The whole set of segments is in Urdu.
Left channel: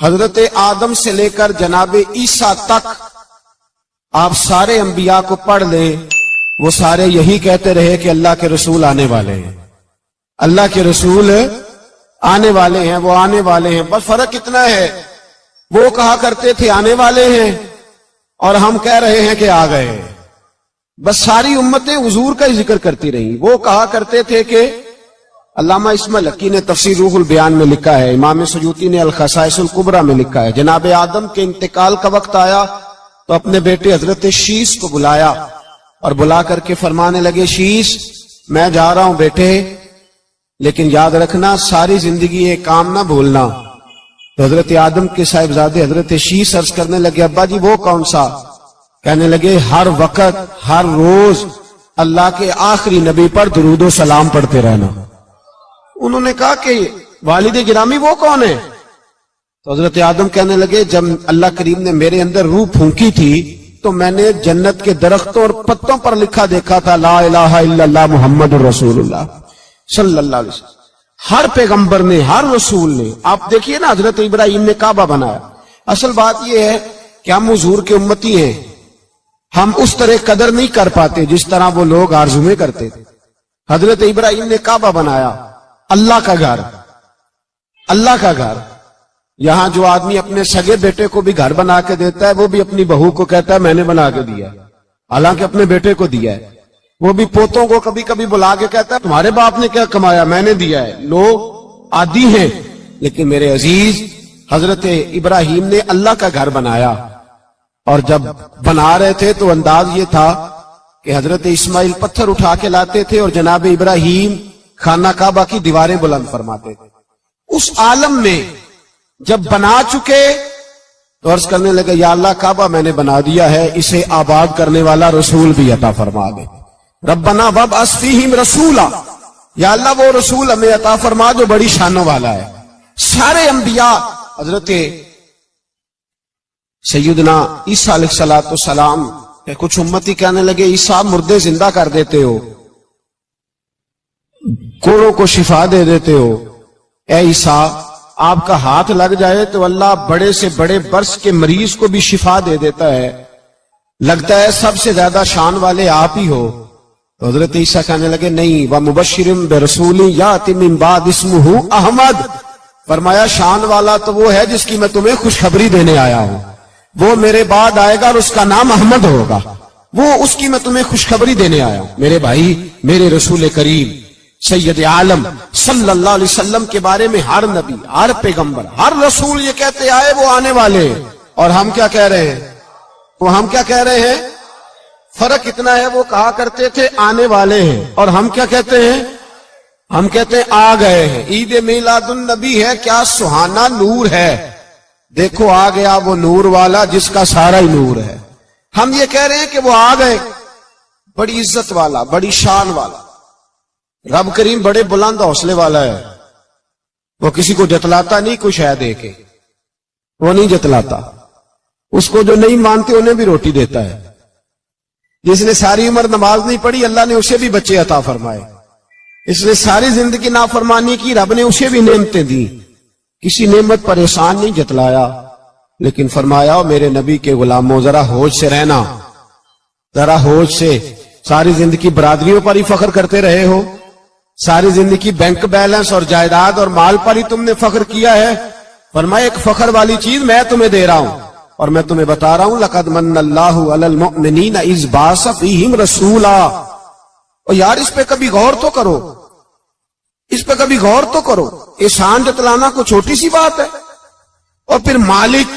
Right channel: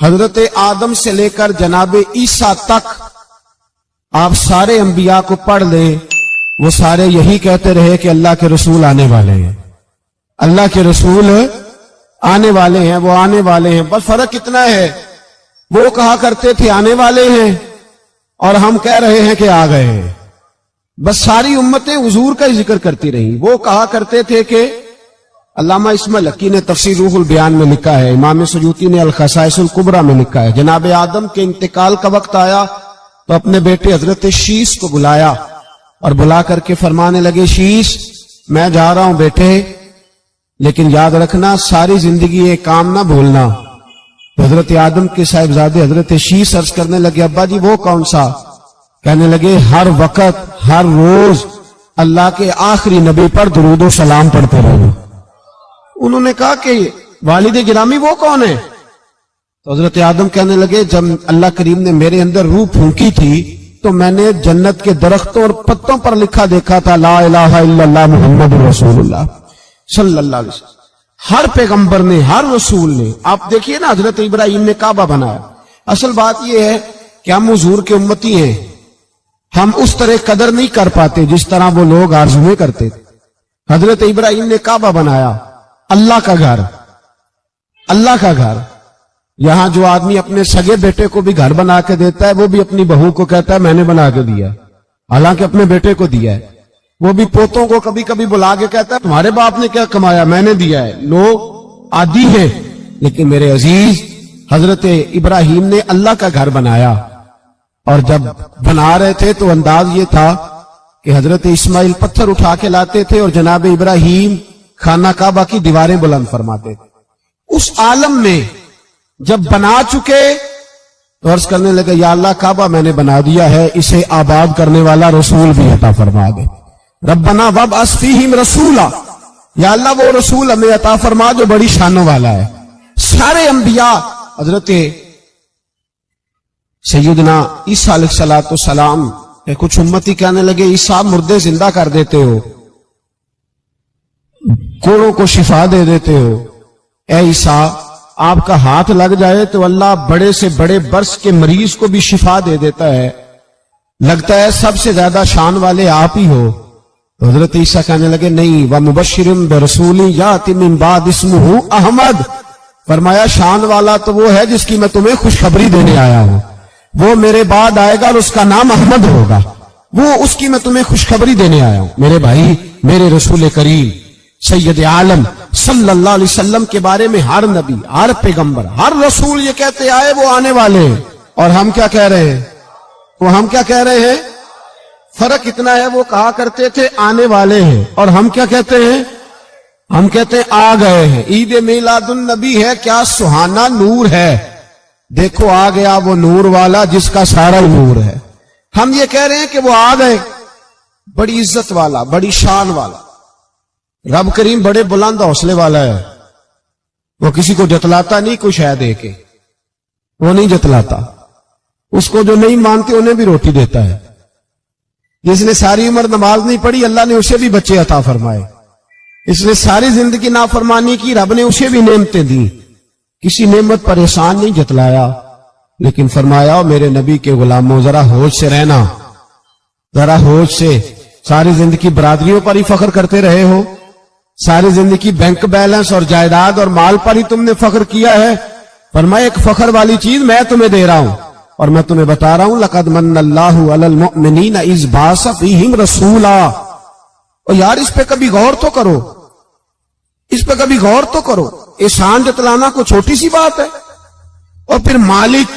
حضرت آدم سے لے کر جناب عیسیٰ تک آپ سارے انبیاء کو پڑھ لیں، وہ سارے یہی کہتے رہے کہ اللہ کے رسول آنے والے ہیں، اللہ کے رسول آنے والے ہیں، وہ آنے والے ہیں۔ بس فرق اتنا ہے، وہ کہا کرتے تھے آنے والے ہیں اور ہم کہہ رہے ہیں کہ آ گئے ہیں۔ بس ساری امتیں حضور کا ہی ذکر کرتی رہیں۔ وہ کہا کرتے تھے کہ علامہ اسماعیل حقی نے تفسیر روح البیان میں لکھا ہے، امام سیوطی نے الخصائص الکبریٰ میں لکھا ہے، جناب آدم کے انتقال کا وقت آیا تو اپنے بیٹے حضرت شیش کو بلایا اور بلا کر کے فرمانے لگے، شیش میں جا رہا ہوں بیٹے، لیکن یاد رکھنا ساری زندگی یہ کام نہ بھولنا۔ تو حضرت آدم کے صاحبزادے حضرت شیش عرض کرنے لگے، ابا جی وہ کون سا؟ کہنے لگے ہر وقت ہر روز اللہ کے آخری نبی پر درود و سلام پڑھتے رہنا۔ انہوں نے کہا کہ والد گرامی وہ کون ہے؟ تو حضرت آدم کہنے لگے، جب اللہ کریم نے میرے اندر روح پھونکی تھی تو میں نے جنت کے درختوں اور پتوں پر لکھا دیکھا تھا لا الہ الا اللہ محمد رسول اللہ صلی اللہ علیہ وسلم۔ ہر پیغمبر نے، ہر رسول نے، آپ دیکھیے نا حضرت ابراہیم نے کعبہ بنایا۔ اصل بات یہ ہے کہ ہم حضور کے امتی ہیں، ہم اس طرح قدر نہیں کر پاتے جس طرح وہ لوگ آرزویں کرتے تھے۔ حضرت ابراہیم نے کعبہ بنایا، اللہ کا گھر، اللہ کا گھر۔ یہاں جو آدمی اپنے سگے بیٹے کو بھی گھر بنا کے دیتا ہے وہ بھی اپنی بہو کو کہتا ہے میں نے بنا کے دیا، حالانکہ اپنے بیٹے کو دیا ہے۔ وہ بھی پوتوں کو کبھی کبھی بلا کے کہتا ہے تمہارے باپ نے کیا کمایا، میں نے دیا ہے۔ لوگ عادی ہیں، لیکن میرے عزیز حضرت ابراہیم نے اللہ کا گھر بنایا، اور جب بنا رہے تھے تو انداز یہ تھا کہ حضرت اسماعیل پتھر اٹھا کے لاتے تھے اور جناب ابراہیم خانہ کعبہ کی دیواریں بلند فرماتے تھے۔ اس عالم میں جب بنا چکے تو عرض کرنے لگے یا اللہ کعبہ میں نے بنا دیا ہے، اسے آباد کرنے والا رسول بھی عطا فرما دے۔ ربنا وابعث فیہم رسولا، یا اللہ وہ رسول ہمیں عطا فرما جو بڑی شانوں والا ہے۔ سارے انبیاء حضرت سیدنا عیسیٰ علیہ السلام کہ کچھ امتی کہنے لگے عیسیٰ مردے زندہ کر دیتے ہو، کوڑوں کو شفا دے دیتے ہو، اے عیسیٰ آپ کا ہاتھ لگ جائے تو اللہ بڑے سے بڑے برس کے مریض کو بھی شفا دے دیتا ہے، لگتا ہے سب سے زیادہ شان والے آپ ہی ہو۔ تو حضرت عیسیٰ کہنے لگے نہیں، وَمُبَشِّرٌ بِرَسُولٍ يَأْتِي مِن بَعْدِ اسْمُهُ احمد، فرمایا شان والا تو وہ ہے جس کی میں تمہیں خوشخبری دینے آیا ہوں، وہ میرے بعد آئے گا اور اس کا نام احمد ہوگا، وہ اس کی میں تمہیں خوشخبری دینے آیا ہوں۔ میرے بھائی، میرے رسول کریم سید عالم صلی اللہ علیہ وسلم کے بارے میں ہر نبی، ہر پیغمبر، ہر رسول یہ کہتے آئے وہ آنے والے ہیں، اور ہم کیا کہہ رہے ہیں؟ وہ ہم کیا کہہ رہے ہیں؟ فرق اتنا ہے، وہ کہا کرتے تھے آنے والے ہیں، اور ہم کیا کہتے ہیں؟ ہم کہتے ہیں آ گئے ہیں۔ عید میلاد النبی ہے، کیا سہانا نور ہے، دیکھو آ گیا وہ نور والا جس کا سارا ہی نور ہے۔ ہم یہ کہہ رہے ہیں کہ وہ آ گئے، بڑی عزت والا، بڑی شان والا، رب کریم بڑے بلند حوصلے والا ہے، وہ کسی کو جتلاتا نہیں کوئی شے دے کے، وہ نہیں جتلاتا، اس کو جو نہیں مانتے انہیں بھی روٹی دیتا ہے۔ جس نے ساری عمر نماز نہیں پڑھی اللہ نے اسے بھی بچے عطا فرمائے، اس نے ساری زندگی نافرمانی کی رب نے اسے بھی نعمتیں دی، کسی نعمت پر احسان نہیں جتلایا، لیکن فرمایا میرے نبی کے غلاموں ذرا ہوش سے رہنا، ذرا ہوش سے۔ ساری زندگی برادریوں پر ہی فخر کرتے رہے ہو، ساری زندگی بینک بیلنس اور جائیداد اور مال پر ہی تم نے فخر کیا ہے، فرمایا ایک فخر والی چیز میں تمہیں دے رہا ہوں، اور میں تمہیں بتا رہا ہوں لقد من اللہ علی المؤمنین اذ بعث فیہم رسولا۔ اور یار اس پہ کبھی غور تو کرو، اس پہ کبھی غور تو کرو، احسان جتلانا کوئی چھوٹی سی بات ہے؟ اور پھر مالک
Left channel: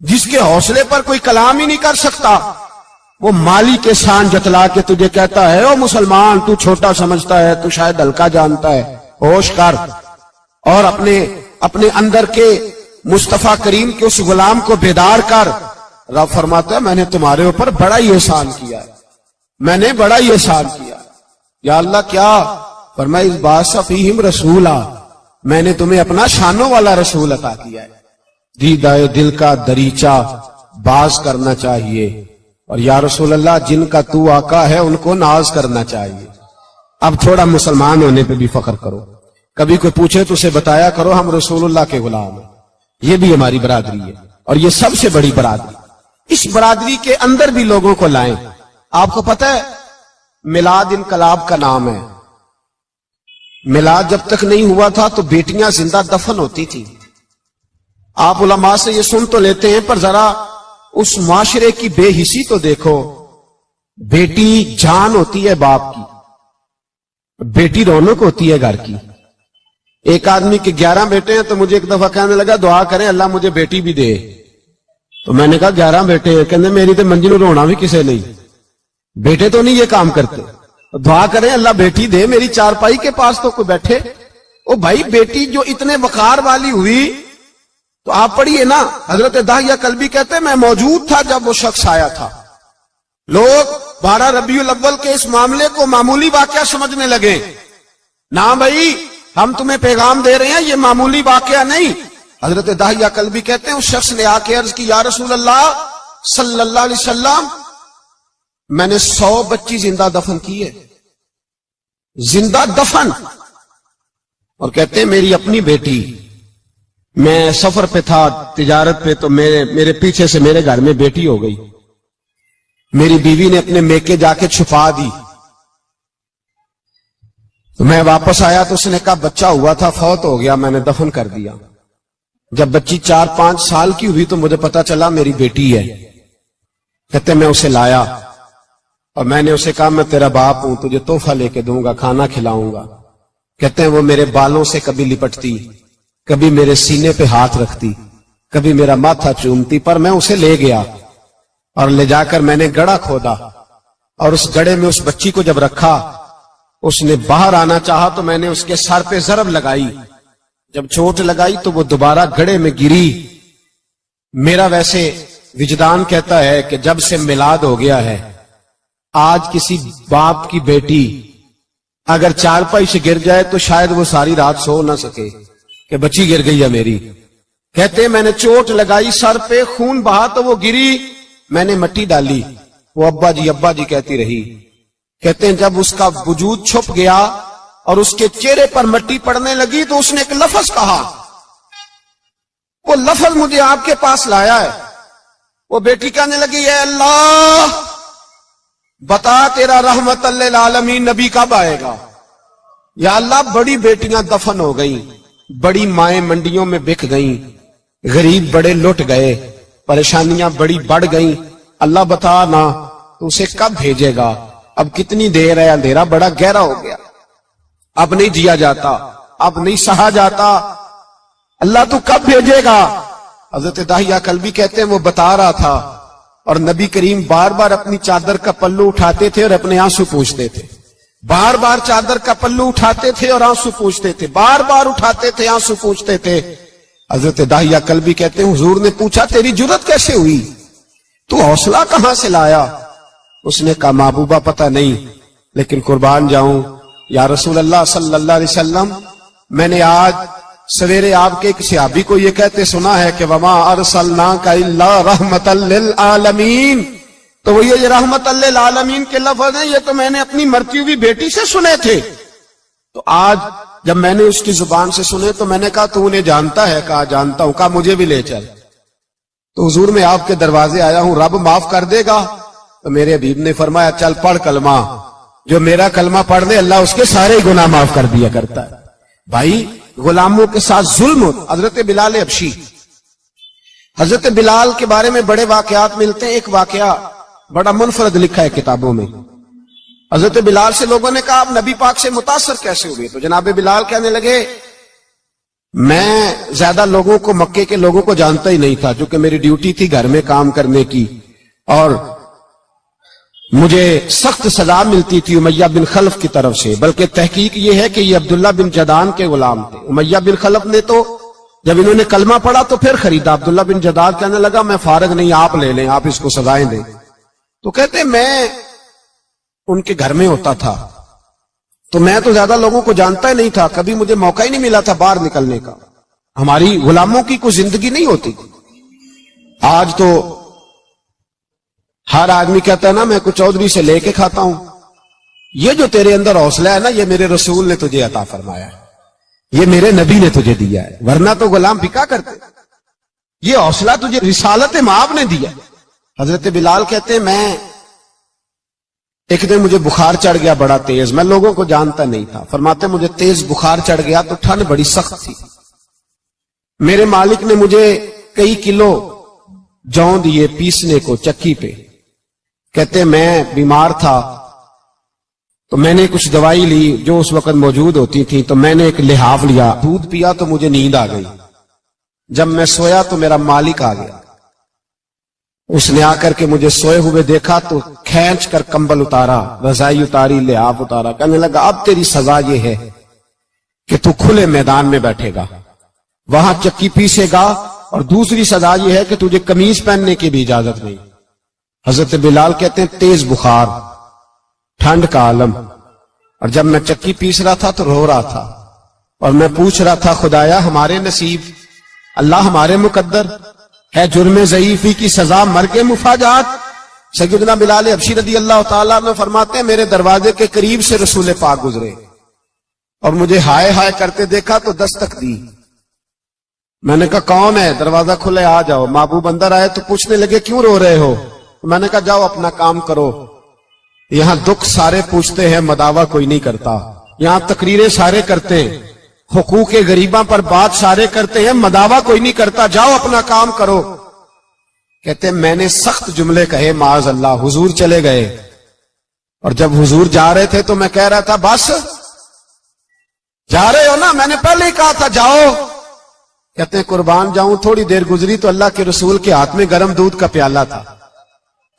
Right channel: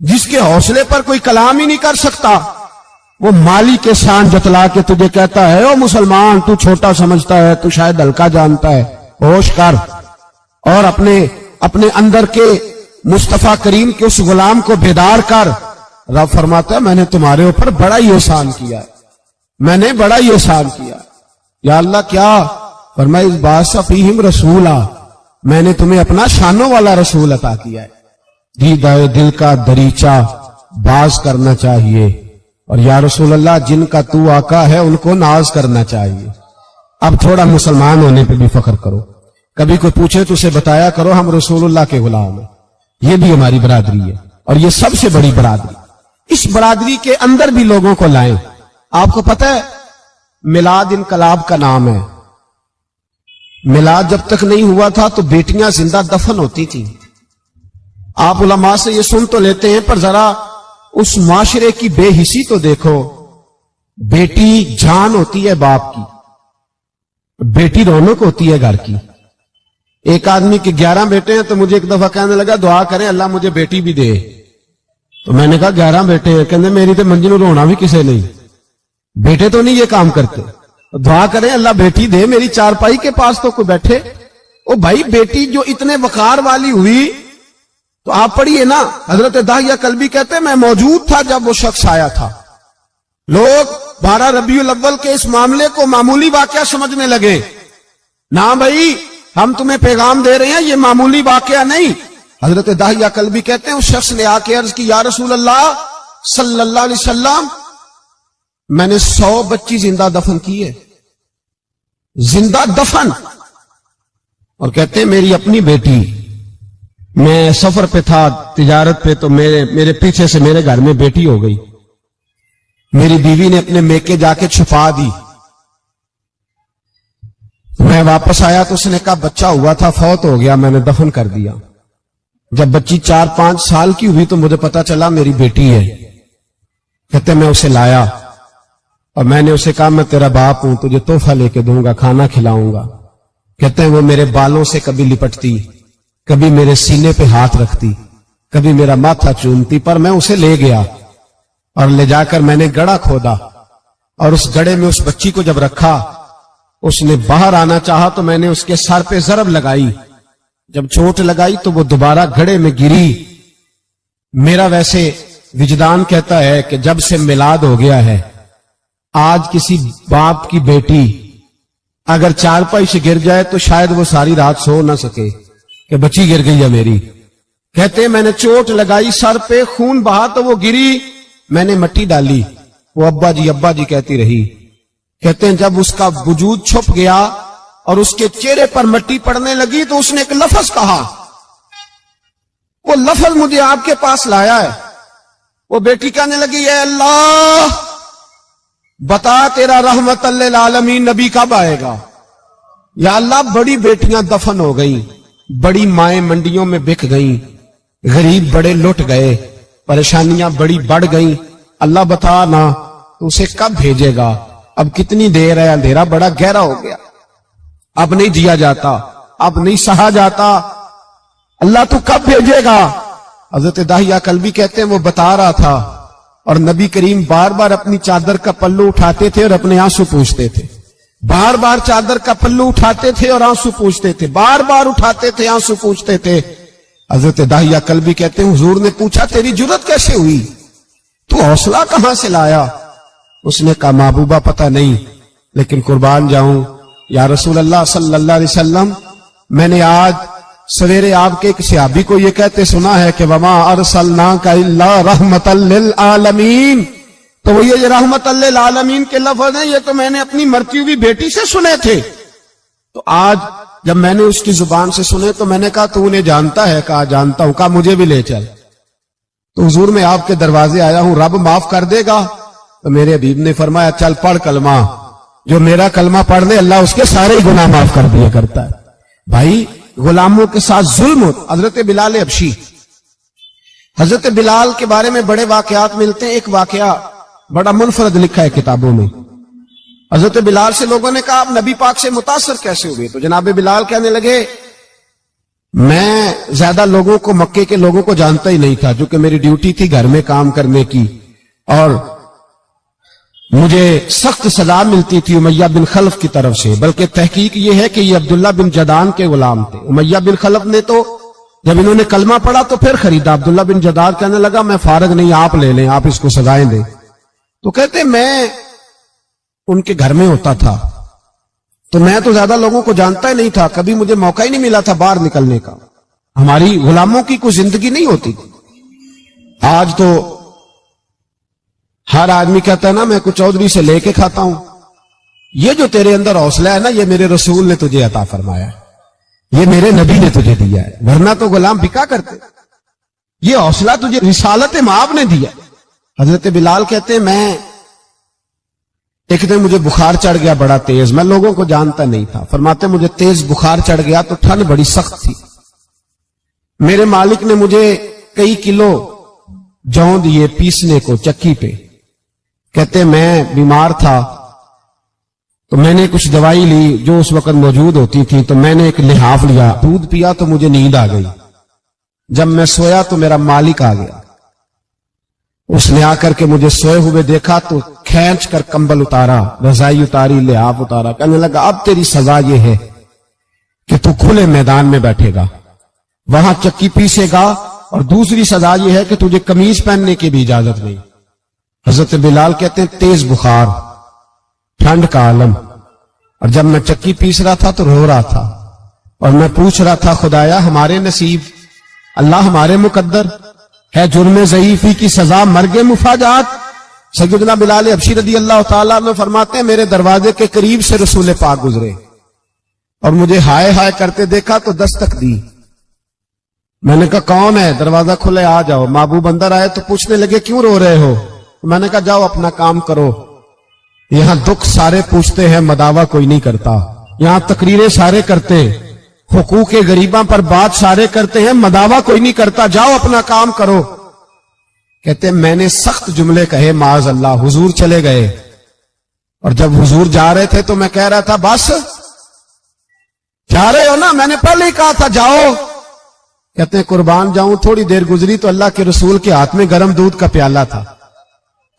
جس کے حوصلے پر کوئی کلام ہی نہیں کر سکتا، وہ مالک کے شان جتلا کے تجھے کہتا ہے او مسلمان تو چھوٹا سمجھتا ہے، تو شاید ہلکا جانتا ہے، ہوش کر، اور اپنے اندر کے مصطفیٰ کریم کے اس غلام کو بیدار کر۔ رب فرماتا ہے میں نے تمہارے اوپر بڑا ہی احسان کیا ہے، میں نے بڑا ہی احسان کیا۔ یا اللہ کیا؟ فرمایا اذ بعث فیہم رسولا، میں نے تمہیں اپنا شانوں والا رسول عطا کیا ہے۔ دیدہ دل کا دریچہ باز کرنا چاہیے، اور یا رسول اللہ جن کا تو آقا ہے ان کو ناز کرنا چاہیے۔ اب تھوڑا مسلمان ہونے پہ بھی فخر کرو، کبھی کوئی پوچھے تو اسے بتایا کرو ہم رسول اللہ کے غلام ہیں، یہ بھی ہماری برادری ہے اور یہ سب سے بڑی برادری. اس برادری کے اندر بھی لوگوں کو لائیں. آپ کو پتہ ہے میلاد انقلاب کا نام ہے. میلاد جب تک نہیں ہوا تھا تو بیٹیاں زندہ دفن ہوتی تھیں. آپ علماء سے یہ سن تو لیتے ہیں پر ذرا اس معاشرے کی بے حسی تو دیکھو. بیٹی جان ہوتی ہے باپ کی, بیٹی رونق ہوتی ہے گھر کی. ایک آدمی کے 11 بیٹے ہیں تو مجھے ایک دفعہ کہنے لگا دعا کریں اللہ مجھے بیٹی بھی دے. تو میں نے کہا 11 بیٹے ہیں, کہنے میری تو منجی نو رونا بھی کسے نہیں, بیٹے تو نہیں یہ کام کرتے, دعا کریں اللہ بیٹی دے, میری چارپائی کے پاس تو کوئی بیٹھے. او بھائی بیٹی جو اتنے وقار والی ہوئی تو آپ پڑھیے نا, حضرت داہیہ کلبی کہتے ہیں میں موجود تھا جب وہ شخص آیا تھا. لوگ 12 ربیع الاول کے اس معاملے کو معمولی واقعہ سمجھنے لگے. نہ بھائی ہم تمہیں پیغام دے رہے ہیں یہ معمولی واقعہ نہیں. حضرت داہیہ کلبی کہتے ہیں اس شخص نے آ کے عرض کی یا رسول اللہ صلی اللہ علیہ وسلم میں نے 100 بچی زندہ دفن کی ہے, زندہ دفن. اور کہتے ہیں میری اپنی بیٹی, میں سفر پہ تھا تجارت پہ تو میرے پیچھے سے میرے گھر میں بیٹی ہو گئی. میری بیوی نے اپنے میکے جا کے چھپا دی. میں واپس آیا تو اس نے کہا بچہ ہوا تھا فوت ہو گیا, میں نے دفن کر دیا. جب بچی 4-5 سال کی ہوئی تو مجھے پتا چلا میری بیٹی ہے. کہتے میں اسے لایا اور میں نے اسے کہا میں تیرا باپ ہوں, تجھے تحفہ لے کے دوں گا, کھانا کھلاؤں گا. کہتے ہیں وہ میرے بالوں سے کبھی لپٹتی, کبھی میرے سینے پہ ہاتھ رکھتی, کبھی میرا ماتھا چومتی. پر میں اسے لے گیا اور لے جا کر میں نے گڑھا کھودا اور اس گڑھے میں اس بچی کو جب رکھا, اس نے باہر آنا چاہا تو میں نے اس کے سر پہ ضرب لگائی. جب چوٹ لگائی تو وہ دوبارہ گڑھے میں گری. میرا ویسے وجدان کہتا ہے کہ جب سے میلاد ہو گیا ہے آج کسی باپ کی بیٹی اگر چارپائی سے گر جائے تو شاید وہ ساری رات سو نہ سکے کہ بچی گر گئی ہے میری. کہتے ہیں میں نے چوٹ لگائی سر پہ, خون بہا تو وہ گری, میں نے مٹی ڈالی, وہ ابا جی کہتی رہی. کہتے ہیں جب اس کا وجود چھپ گیا اور اس کے چہرے پر مٹی پڑنے لگی تو اس نے ایک لفظ کہا, وہ لفظ مجھے آپ کے پاس لایا ہے. وہ بیٹی کہنے لگی اے اللہ بتا تیرا رحمت للعالمین نبی کب آئے گا. یا اللہ بڑی بیٹیاں دفن ہو گئیں, بڑی مائیں منڈیوں میں بک گئیں, غریب بڑے لٹ گئے, پریشانیاں بڑی بڑھ گئیں. اللہ بتا نا تو اسے کب بھیجے گا. اب کتنی دیر ہے, اندھیرا بڑا گہرا ہو گیا, اب نہیں جیا جاتا, اب نہیں سہا جاتا, اللہ تو کب بھیجے گا. حضرت داہیہ کلبی کہتے ہیں وہ بتا رہا تھا اور نبی کریم بار بار اپنی چادر کا پلو اٹھاتے تھے اور اپنے آنسو پوچھتے تھے. بار بار چادر کا پلو اٹھاتے تھے اور آنسو پوچھتے تھے, بار بار اٹھاتے تھے آنسو پوچھتے تھے. حضرت داہیہ کلبی کہتے ہیں حضور نے پوچھا تیری جرت کیسے ہوئی, تو حوصلہ کہاں سے لایا. اس نے کہا محبوبہ پتہ نہیں, لیکن قربان جاؤں یا رسول اللہ صلی اللہ علیہ وسلم میں نے آج سویرے آپ کے ایک صحابی کو یہ کہتے سنا ہے کہ وما ارسلناک الا رحمتا للعالمین. تو وہ یہ رحمت للعالمین کے لفظ ہیں یہ تو میں نے اپنی مرتی ہوئی بیٹی سے سنے تھے. تو آج جب میں نے اس کی زبان سے سنے تو میں نے کہا تو انہیں جانتا ہے. کہا جانتا ہوں. کہا مجھے بھی لے چل. تو حضور میں آپ کے دروازے آیا ہوں, رب معاف کر دے گا. تو میرے حبیب نے فرمایا چل پڑھ کلمہ, جو میرا کلمہ پڑھ دے اللہ اس کے سارے گناہ معاف کر دیا کرتا ہے. بھائی غلاموں کے ساتھ ظلم ہو. حضرت بلال حبشی, حضرت بلال کے بارے میں بڑے واقعات ملتے ہیں. ایک واقعہ بڑا منفرد لکھا ہے کتابوں میں. حضرت بلال سے لوگوں نے کہا آپ نبی پاک سے متاثر کیسے ہوئے. تو جناب بلال کہنے لگے میں زیادہ لوگوں کو مکے کے لوگوں کو جانتا ہی نہیں تھا, چونکہ میری ڈیوٹی تھی گھر میں کام کرنے کی اور مجھے سخت سزا ملتی تھی امیہ بن خلف کی طرف سے. بلکہ تحقیق یہ ہے کہ یہ عبداللہ بن جدان کے غلام تھے. امیہ بن خلف نے تو جب انہوں نے کلمہ پڑھا تو پھر خریدا. عبداللہ بن جدان کہنے لگا میں فارغ نہیں, آپ لے لیں, آپ اس کو سزائیں دیں. تو کہتے میں ان کے گھر میں ہوتا تھا تو میں تو زیادہ لوگوں کو جانتا ہی نہیں تھا, کبھی مجھے موقع ہی نہیں ملا تھا باہر نکلنے کا. ہماری غلاموں کی کوئی زندگی نہیں ہوتی تھی. آج تو ہر آدمی کہتا ہے نا میں کچھ چودھری سے لے کے کھاتا ہوں. یہ جو تیرے اندر حوصلہ ہے نا یہ میرے رسول نے تجھے عطا فرمایا ہے, یہ میرے نبی نے تجھے دیا ہے, ورنہ تو غلام بکا کرتے. یہ حوصلہ تجھے رسالت مآب نے دیا. حضرت بلال کہتے ہیں میں ایک دن مجھے بخار چڑھ گیا بڑا تیز، میں لوگوں کو جانتا نہیں تھا. فرماتے مجھے تیز بخار چڑھ گیا تو ٹھنڈ بڑی سخت تھی. میرے مالک نے مجھے کئی کلو جوں دیے پیسنے کو چکی پہ. کہتے میں بیمار تھا تو میں نے کچھ دوائی لی جو اس وقت موجود ہوتی تھی، تو میں نے ایک لحاف لیا، دودھ پیا تو مجھے نیند آ گئی. جب میں سویا تو میرا مالک آ گیا. اس نے آ کر کے مجھے سوئے ہوئے دیکھا تو کھینچ کر کمبل اتارا، رضائی اتاری، لحاف اتارا. کہنے لگا اب تیری سزا یہ ہے کہ تو کھلے میدان میں بیٹھے گا، وہاں چکی پیسے گا، اور دوسری سزا یہ ہے کہ تجھے قمیض پہننے کی بھی اجازت نہیں. حضرت بلال کہتے ہیں تیز بخار، ٹھنڈ کا عالم، اور جب میں چکی پیس رہا تھا تو رو رہا تھا اور میں پوچھ رہا تھا خدایا ہمارے نصیب، اللہ ہمارے مقدر ہے جرم ضعیفی کی سزا مرگ مفاجات. سیدنا بلال حبشی رضی اللہ تعالیٰ عنہ فرماتے ہیں میرے دروازے کے قریب سے رسول پاک گزرے اور مجھے ہائے ہائے کرتے دیکھا تو دستک دی. میں نے کہا کون ہے؟ دروازہ کھلے آ جاؤ. محبوب اندر آئے تو پوچھنے لگے کیوں رو رہے ہو؟ میں نے کہا جاؤ اپنا کام کرو. یہاں دکھ سارے پوچھتے ہیں، مداوع کوئی نہیں کرتا. یہاں تقریریں سارے کرتے ہیں، حقوق غریباں پر بات سارے کرتے ہیں، مداوع کوئی نہیں کرتا. جاؤ اپنا کام کرو. کہتے ہیں میں نے سخت جملے کہے معاذ اللہ. حضور چلے گئے اور جب حضور جا رہے تھے تو میں کہہ رہا تھا بس جا رہے ہو نا، میں نے پہلے ہی کہا تھا جاؤ. کہتے ہیں قربان جاؤں. تھوڑی دیر گزری تو اللہ کے رسول کے ہاتھ میں گرم دودھ کا پیالہ تھا،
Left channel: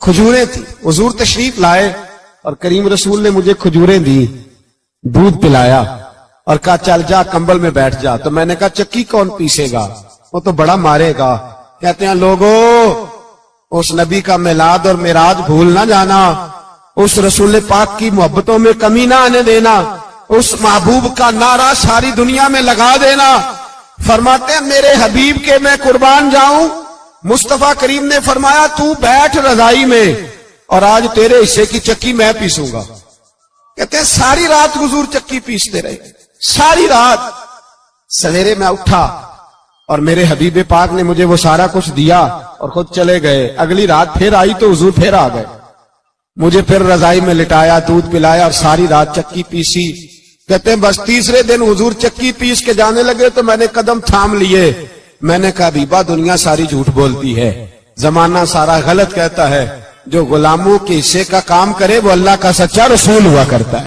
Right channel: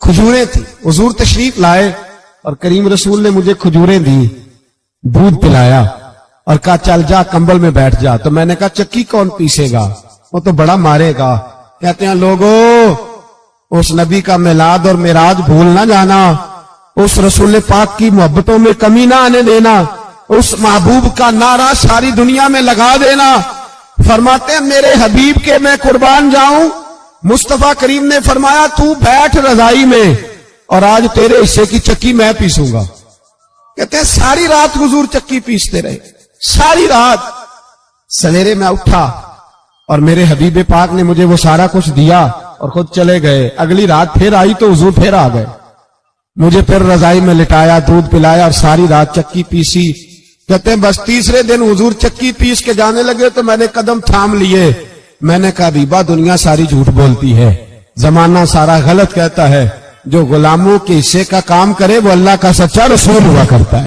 کھجوریں تھی. حضور تشریف لائے اور کریم رسول نے مجھے کھجوریں دی، دودھ پلایا اور کہا چل جا کمبل میں بیٹھ جا. تو میں نے کہا چکی کون پیسے گا؟ وہ تو بڑا مارے گا. کہتے ہیں لوگوں اس نبی کا میلاد اور معراج بھول نہ جانا، اس رسول پاک کی محبتوں میں کمی نہ آنے دینا، اس محبوب کا نعرہ ساری دنیا میں لگا دینا. فرماتے ہیں میرے حبیب کے میں قربان جاؤں. مصطفیٰ کریم نے فرمایا تو بیٹھ رضائی میں اور آج تیرے حصے کی چکی میں پیسوں گا. کہتے ہیں ساری رات حضور چکی پیستے رہے، ساری رات. سویرے میں اٹھا اور میرے حبیب پاک نے مجھے وہ سارا کچھ دیا اور خود چلے گئے. اگلی رات پھر آئی تو حضور پھر آ گئے، مجھے پھر رضائی میں لٹایا، دودھ پلایا اور ساری رات چکی پیسی. کہتے ہیں بس تیسرے دن حضور چکی پیس کے جانے لگے تو میں نے قدم تھام لیے. میں نے کہا بیبا دنیا ساری جھوٹ بولتی ہے، زمانہ سارا غلط کہتا ہے، جو غلاموں کے حصے کا کام کرے وہ اللہ کا سچا رسول ہوا کرتا ہے.